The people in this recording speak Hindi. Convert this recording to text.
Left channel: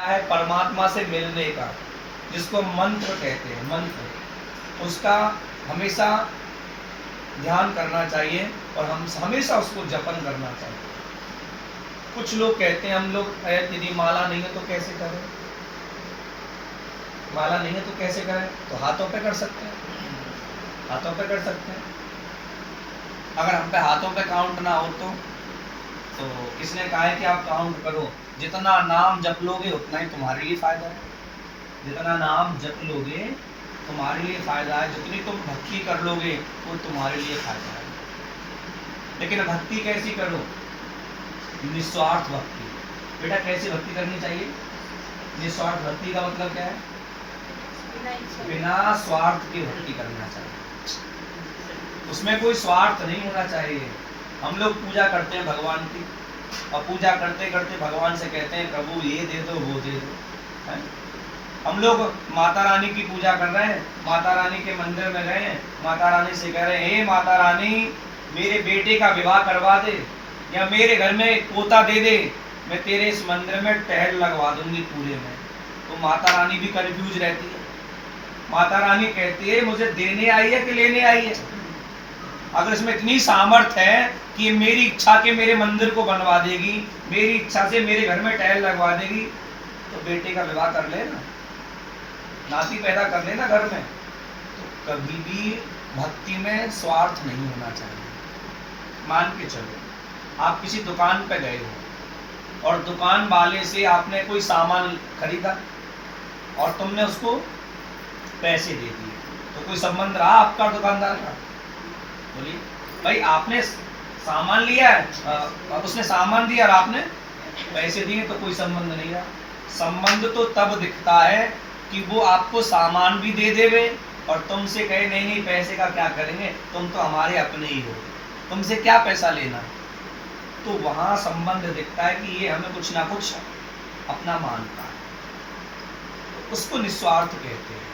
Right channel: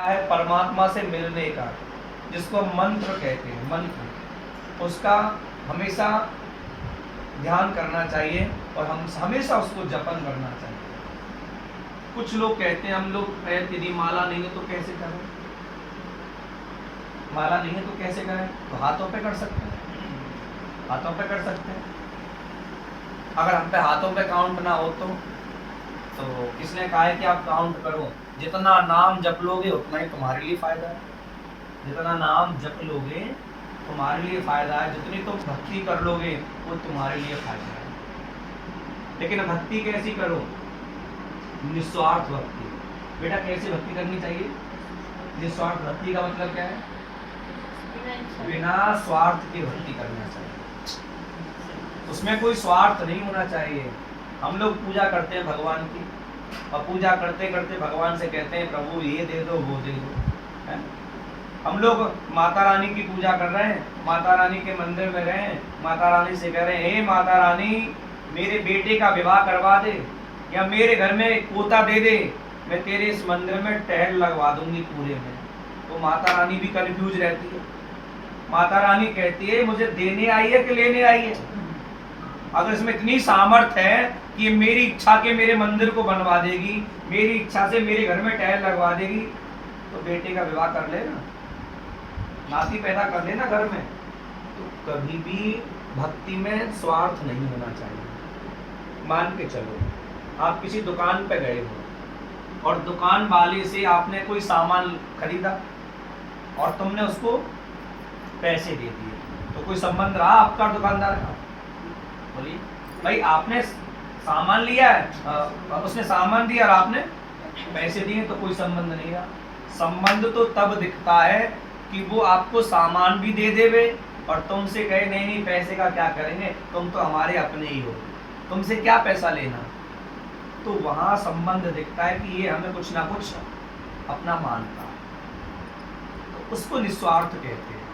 है परमात्मा से मिलने का, जिसको मंत्र कहते हैं, मंत्र, उसका हमेशा ध्यान करना चाहिए और हम हमेशा उसको जपन करना चाहिए। कुछ लोग कहते हैं हम लोग यदि माला नहीं है तो कैसे करें, माला नहीं है तो कैसे करें, तो हाथों पे कर सकते हैं, हाथों पे कर सकते हैं। अगर हम पे हाथों पे काउंट ना हो तो किसने कहा है कि आप काउंट करो, जितना नाम जप लोगे उतना ही तुम्हारे लिए फायदा है, जितना नाम जप लोगे तुम्हारे लिए फायदा है, जितनी तुम भक्ति कर लोगे वो तुम्हारे लिए फायदा है। लेकिन भक्ति कैसी करो, निस्वार्थ भक्ति। बेटा कैसी भक्ति करनी चाहिए, निस्वार्थ भक्ति का मतलब क्या है, बिना स्वार्थ की भक्ति करना चाहिए, उसमें कोई स्वार्थ नहीं होना चाहिए। हम लोग पूजा करते हैं भगवान की और पूजा करते करते भगवान से कहते हैं प्रभु ये दे दो वो दे दो, है? हम लोग माता रानी की पूजा कर रहे हैं, माता रानी के मंदिर में गए हैं, माता रानी से कह रहे हैं हे माता रानी मेरे बेटे का विवाह करवा दे या मेरे घर में एक पोता दे दे, मैं तेरे इस मंदिर में टहल लगवा दूंगी पूरे में। तो माता रानी भी कंफ्यूज रहती है, माता रानी कहती है मुझे देने आई है कि लेने आई है। अगर इसमें इतनी सामर्थ्य है कि ये मेरी इच्छा के मेरे मंदिर को बनवा देगी, मेरी इच्छा से मेरे घर में टहल लगवा देगी, तो बेटे का विवाह कर लेना, नाती पैदा कर लेना घर में। तो कभी भी भक्ति में स्वार्थ नहीं होना चाहिए। मान के चलो आप किसी दुकान पे गए हो और दुकान वाले से आपने कोई सामान खरीदा और तुमने उसको पैसे दे दिए, तो कोई संबंध रहा आपका दुकानदार का? बोलिए भाई, आपने सामान लिया है, उसने सामान दिया और आपने पैसे दिए, तो कोई संबंध नहीं रहा। संबंध तो तब दिखता है कि वो आपको सामान भी दे देवे और तुमसे कहे नहीं नहीं पैसे का क्या करेंगे, तुम तो हमारे अपने ही हो, तुमसे क्या पैसा लेना। तो वहां संबंध दिखता है कि ये हमें कुछ ना कुछ अपना मानता है, तो उसको निस्वार्थ कहते हैं।